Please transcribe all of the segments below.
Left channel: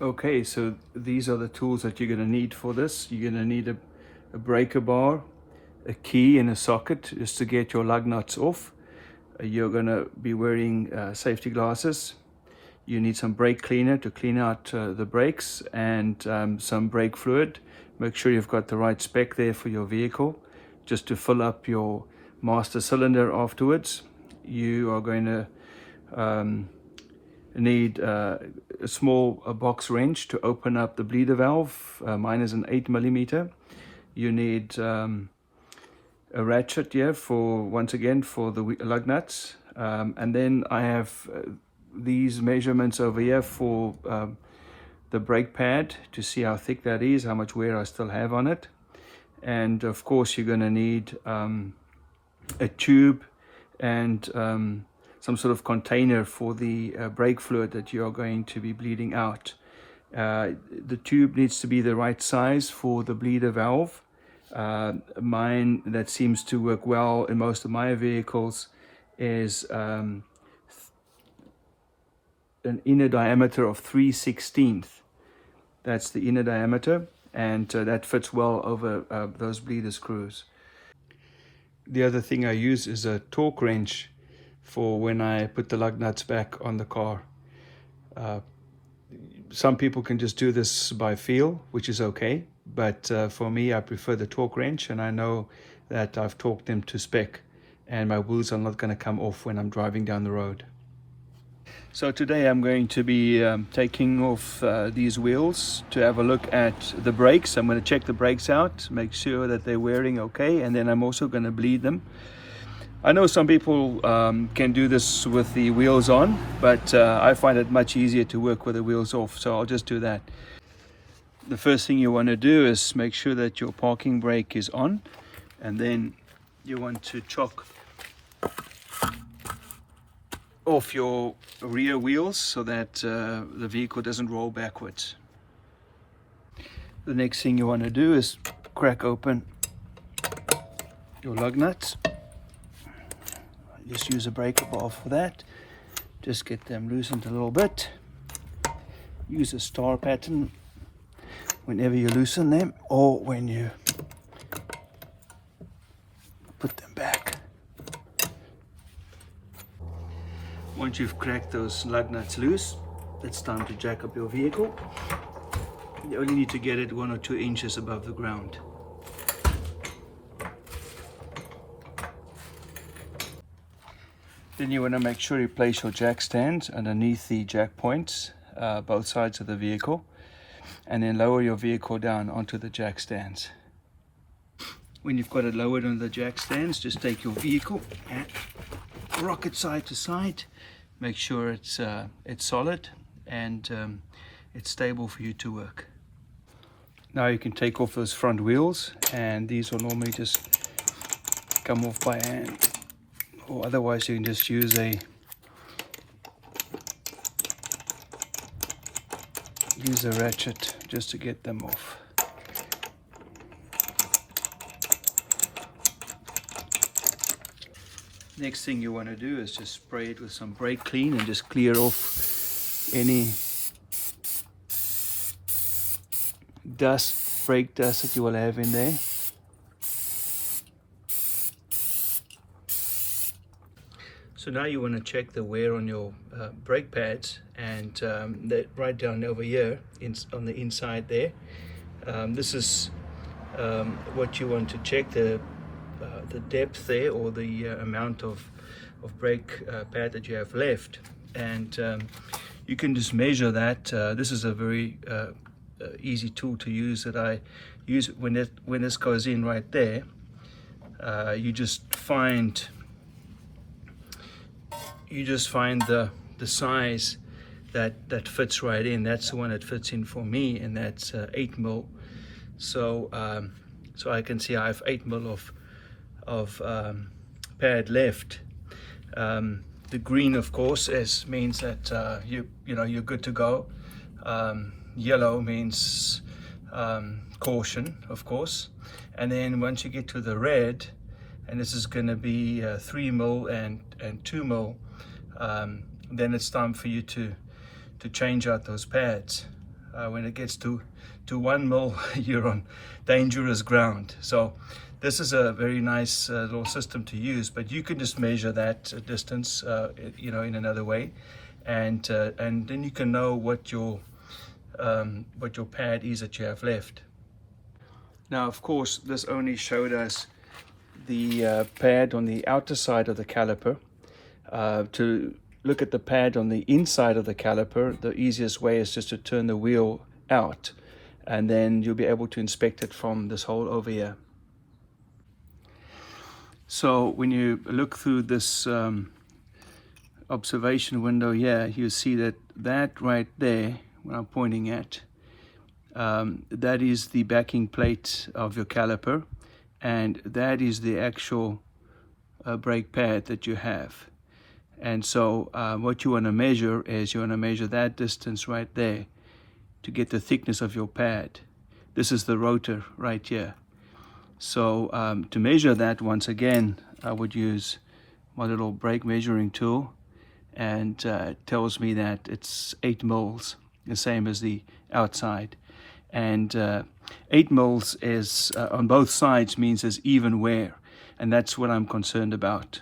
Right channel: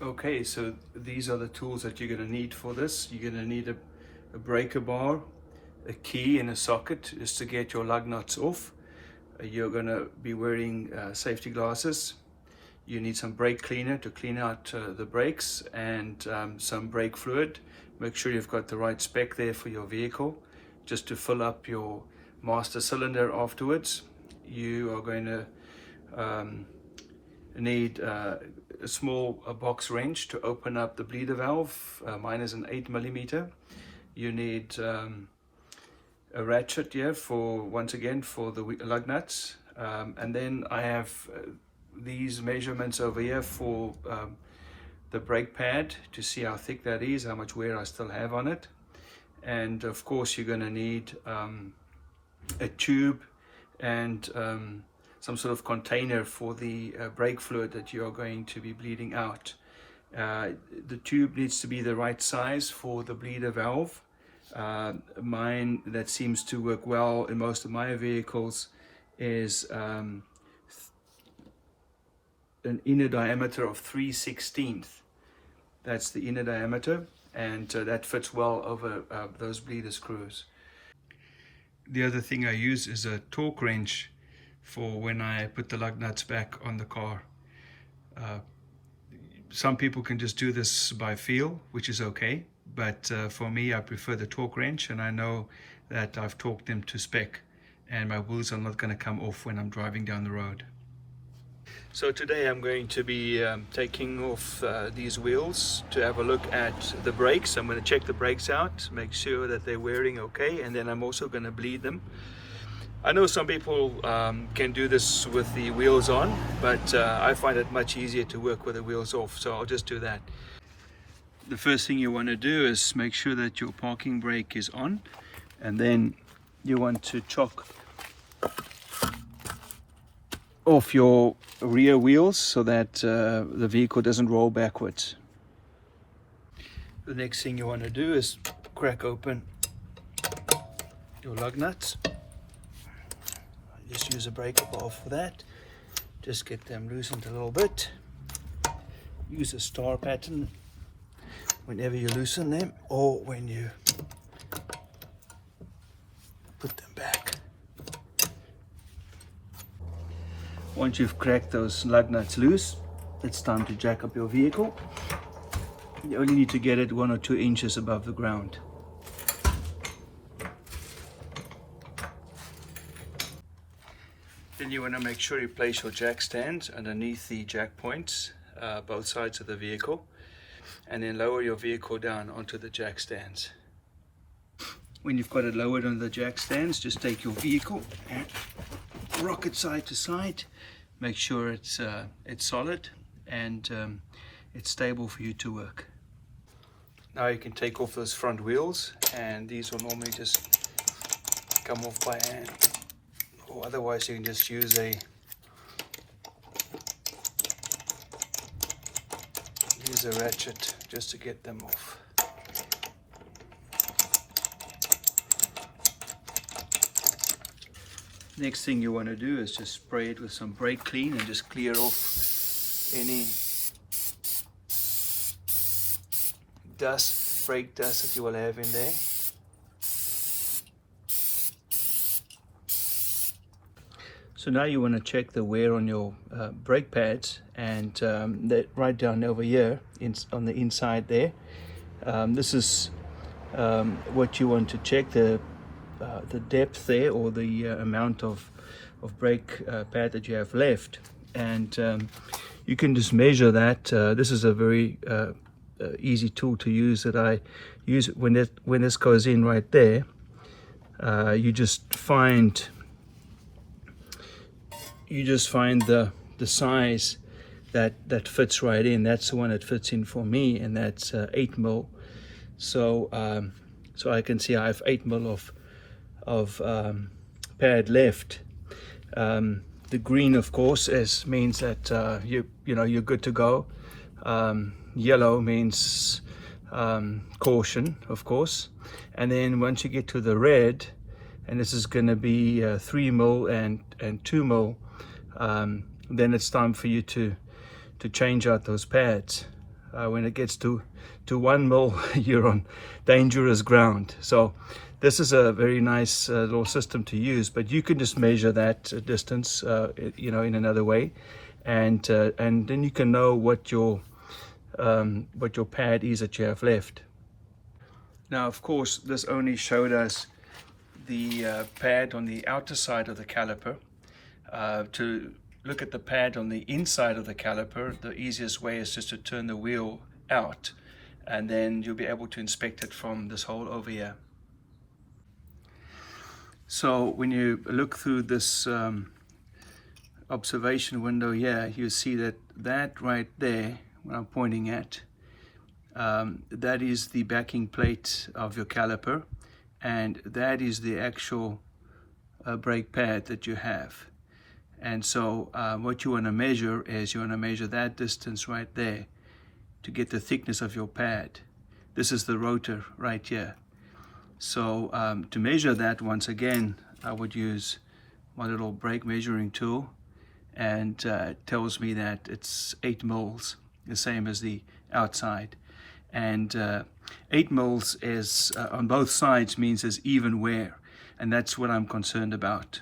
Okay, so these are the tools that you're going to need for this. You're going to need a breaker bar, a key and a socket just to get your lug nuts off. You're going to be wearing safety glasses. You need some brake cleaner to clean out the brakes, and some brake fluid. Make sure you've got the right spec there for your vehicle, just to fill up your master cylinder afterwards. You are going to need a small box wrench to open up the bleeder valve. Mine is an 8mm. You need a ratchet here for, once again, for the lug nuts. And then I have these measurements over here for the brake pad to see how thick that is, how much wear I still have on it. And of course you're going to need a tube and some sort of container for the brake fluid that you are going to be bleeding out. The tube needs to be the right size for the bleeder valve. Mine, that seems to work well in most of my vehicles, is an inner diameter of 3/16. That's the inner diameter, and that fits well over those bleeder screws. The other thing I use is a torque wrench for when I put the lug nuts back on the car. Some people can just do this by feel, which is okay, but for me, I prefer the torque wrench, and I know that I've torqued them to spec, and my wheels are not going to come off when I'm driving down the road. So today I'm going to be taking off these wheels to have a look at the brakes. I'm going to check the brakes out, make sure that they're wearing okay, and then I'm also going to bleed them. I know some people can do this with the wheels on, but I find it much easier to work with the wheels off, so I'll just do that. The first thing you want to do is make sure that your parking brake is on, and then you want to chock off your rear wheels so that the vehicle doesn't roll backwards. The next thing you want to do is crack open your lug nuts. Just use a breaker bar for that. Just get them loosened a little bit. Use a star pattern whenever you loosen them or when you put them back. Once you've cracked those lug nuts loose, it's time to jack up your vehicle. You only need to get it 1 or 2 inches above the ground. Then you want to make sure you place your jack stands underneath the jack points, both sides of the vehicle, and then lower your vehicle down onto the jack stands. When you've got it lowered on the jack stands, just take your vehicle and rock it side to side. Make sure it's solid and it's stable for you to work. Now you can take off those front wheels, and these will normally just come off by hand, or otherwise you can just use a ratchet just to get them off. Next thing you want to do is just spray it with some brake clean and just clear off any dust, brake dust that you will have in there. So now you want to check the wear on your brake pads, and that right down over here on the inside there. This is what you want to check, the depth there, or the amount of brake pad that you have left, and you can just measure that. This is a very easy tool to use that I use. When this goes in right there, you just find the size that fits right in. That's the one that fits in for me, and that's 8mm. So I can see I have 8mm of pad left. The green, of course, means that you're good to go. Yellow means caution, of course. And then once you get to the red, and this is going to be 3mm and 2mm, then it's time for you to change out those pads. When it gets to 1 mil, you're on dangerous ground. So this is a very nice little system to use, but you can just measure that distance, you know, in another way, and then you can know what your pad is that you have left. Now, of course, this only showed us the pad on the outer side of the caliper. To look at the pad on the inside of the caliper, the easiest way is just to turn the wheel out, and then you'll be able to inspect it from this hole over here. So when you look through this observation window here, you see that right there, what I'm pointing at, that is the backing plate of your caliper, and that is the actual brake pad that you have. And so what you want to measure is you want to measure that distance right there to get the thickness of your pad. This is the rotor right here. So to measure that, once again, I would use my little brake measuring tool, and it tells me that it's 8 mils, the same as the outside. And 8 mils is on both sides means there's even wear, and that's what I'm concerned about.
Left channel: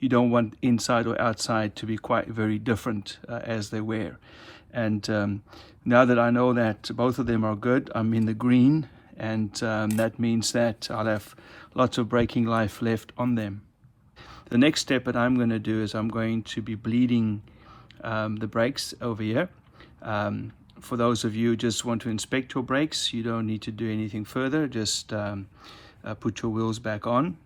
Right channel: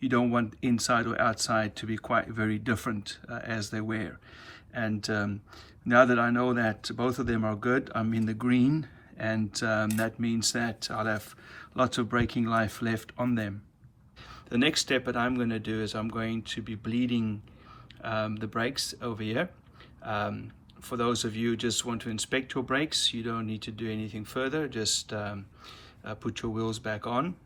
You don't want inside or outside to be quite very different as they wear. And now that I know that both of them are good, I'm in the green, and that means that I'll have lots of braking life left on them. The next step that I'm going to do is I'm going to be bleeding the brakes over here. For those of you who just want to inspect your brakes, you don't need to do anything further. Just put your wheels back on.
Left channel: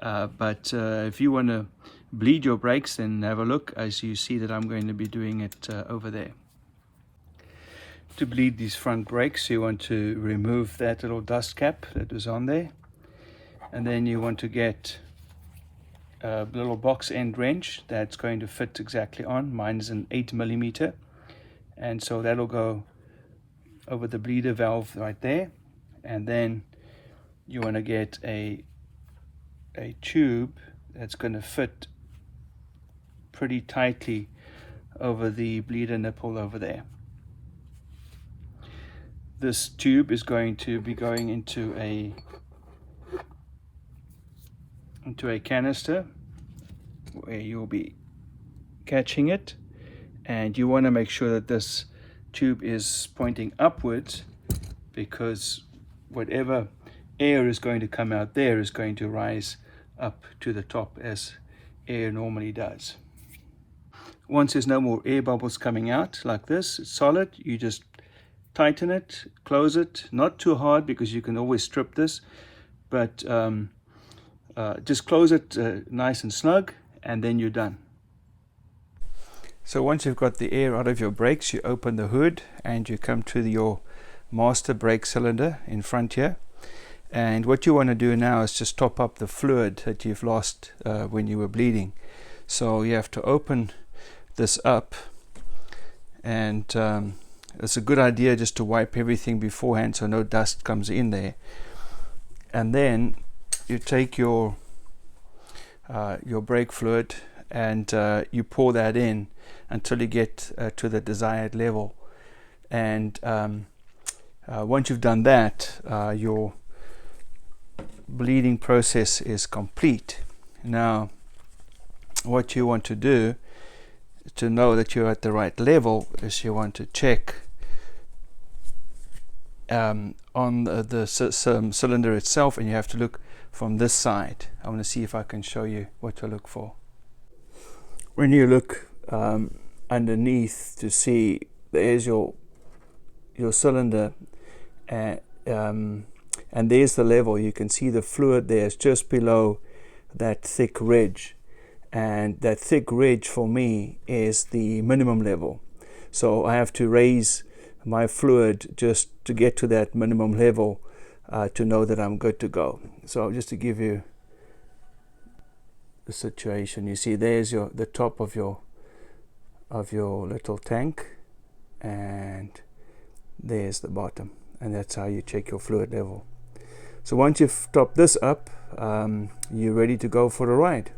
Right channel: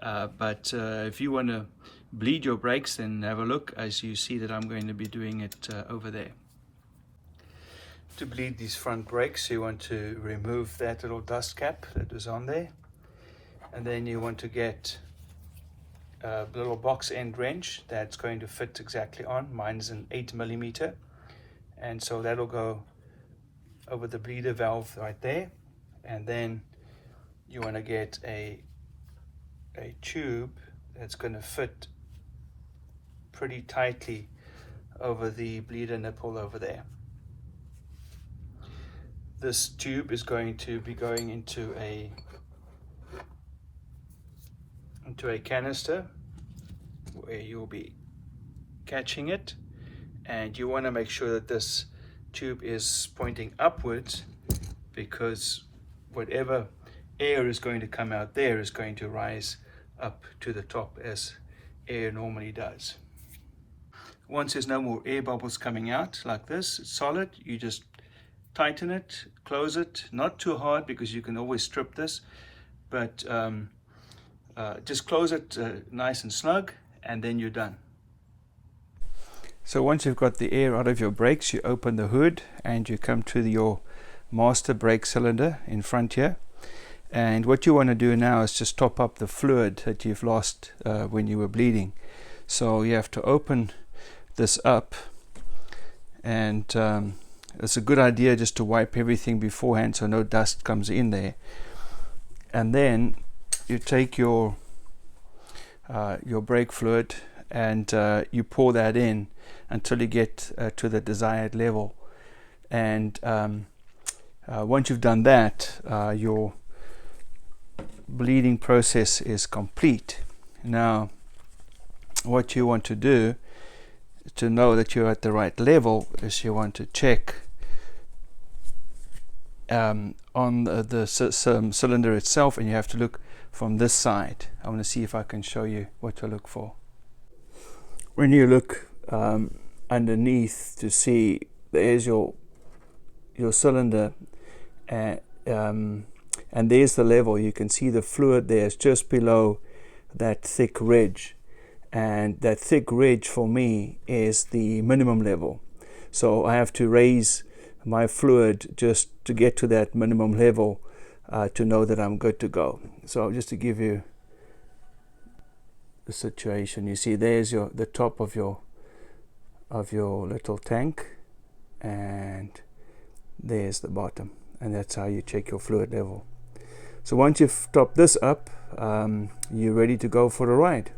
But if you want to bleed your brakes, then have a look, as you see that I'm going to be doing it over there. To bleed these front brakes, you want to remove that little dust cap that was on there, and then you want to get a little box end wrench that's going to fit exactly on. Mine is an 8mm, and so that'll go over the bleeder valve right there. And then you want to get a tube that's going to fit pretty tightly over the bleeder nipple over there. This tube is going to be going into a canister where you'll be catching it, and you want to make sure that this tube is pointing upwards, because whatever air is going to come out there is going to rise up to the top as air normally does. Once there's no more air bubbles coming out like this, it's solid, you just tighten it, close it, not too hard because you can always strip this, but just close it nice and snug, and then you're done. So once you've got the air out of your brakes, you open the hood and you come to your master brake cylinder in front here. And what you want to do now is just top up the fluid that you've lost when you were bleeding. So you have to open this up, and it's a good idea just to wipe everything beforehand so no dust comes in there. And then you take your brake fluid and you pour that in until you get to the desired level. And once you've done that, your bleeding process is complete. Now, what you want to do to know that you're at the right level is you want to check on the cylinder itself, and you have to look from this side. I want to see if I can show you what to look for. When you look underneath to see, there's your cylinder, and there's the level. You can see the fluid there is just below that thick ridge, and that thick ridge for me is the minimum level. So I have to raise my fluid just to get to that minimum level to know that I'm good to go. So just to give you the situation, you see there's the top of your little tank, and there's the bottom, and that's how you check your fluid level. So once you've topped this up, you're ready to go for a ride.